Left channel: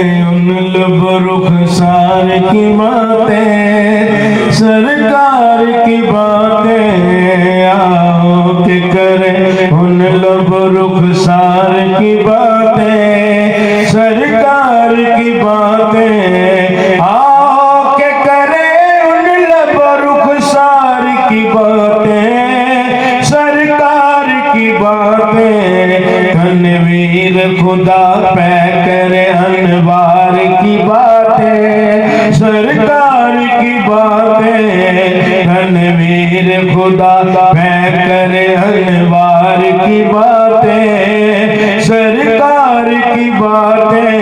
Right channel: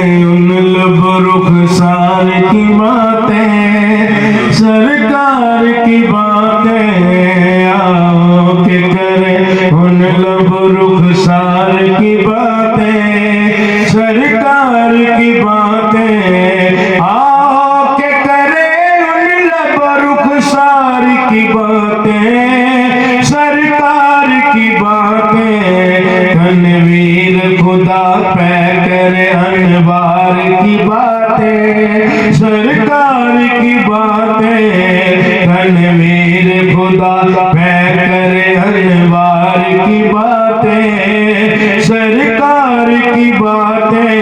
उन लब रुखसार की बातें, सरकार की बातें, आओ के करें उन लब रुखसार की बातें, सरकार की बातें, आओ के करें उन लब रुखसार की बातें, सरकार की बातें। तनवीर खुदा पै करे अनवार की बातें, सरकार की बातें। तनवीर खुदा पै करे अनवार की बातें, सरकार की बातें।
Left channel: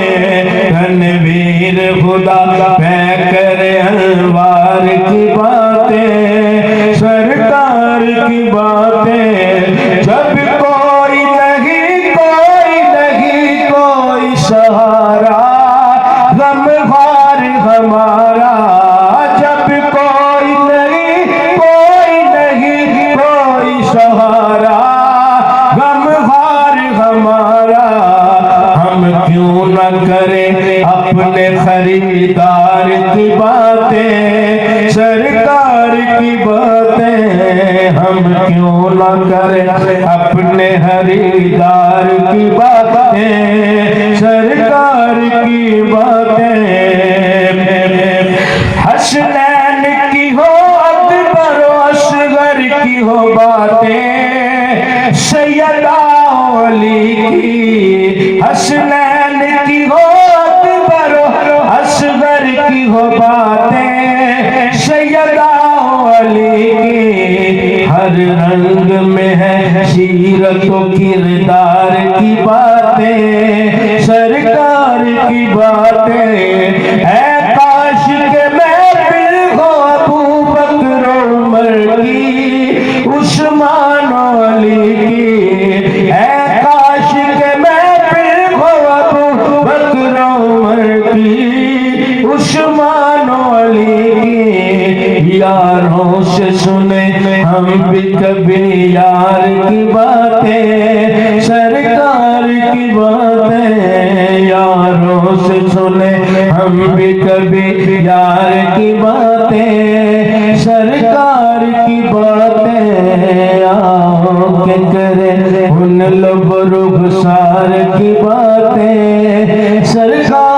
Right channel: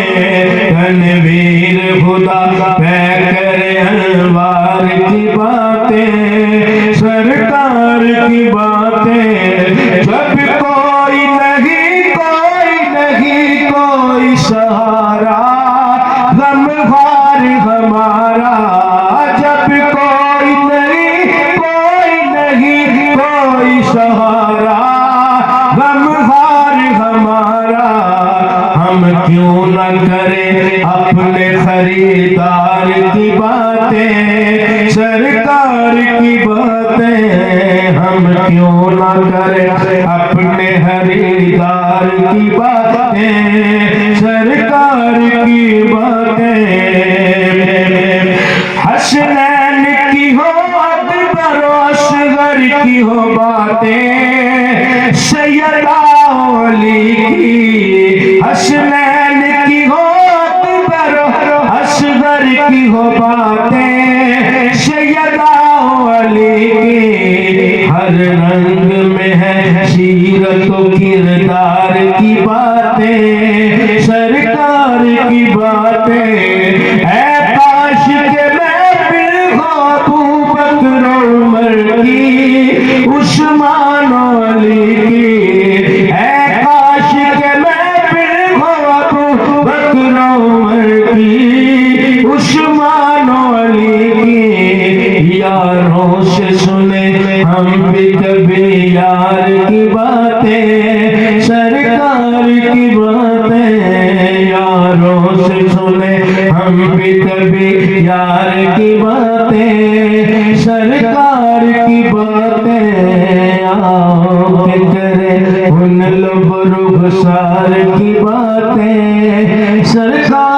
तनवीर खुदा पै करे अनवार की बातें, सरकार की बातें। जब कोई नहीं कोई सहारा, गमखार हमारा। जब कोई नहीं कोई सहारा, गमखार हमारा। हम क्यों न करें अपने खरीदार की बातें, सरकार की बातें। हम क्यों न करें अपने खरीदार की बातें, सरकार की बातें। हसनैन की हो अकबर असगर की हो बातें, सैयदा अली की। हसनैन की हो अकबर असगर की हो बातें, सैयदा अली की। हर रंग में है सीरत किरदार की बातें, सरकार की बातें। है काश के मैं फिर हो अबू बकर उमर की, उस्मान अली की। है काश के मैं फिर हो अबू बकर उमर की, उस्मान अली की। यारों से सुने हम भी कभी यार की बातें, सरकार की बातें। यारों से सुने हम भी कभी यार की बातें, सरकार की बातें। आओ के करें उन लब रुखसार की बातें, सरकार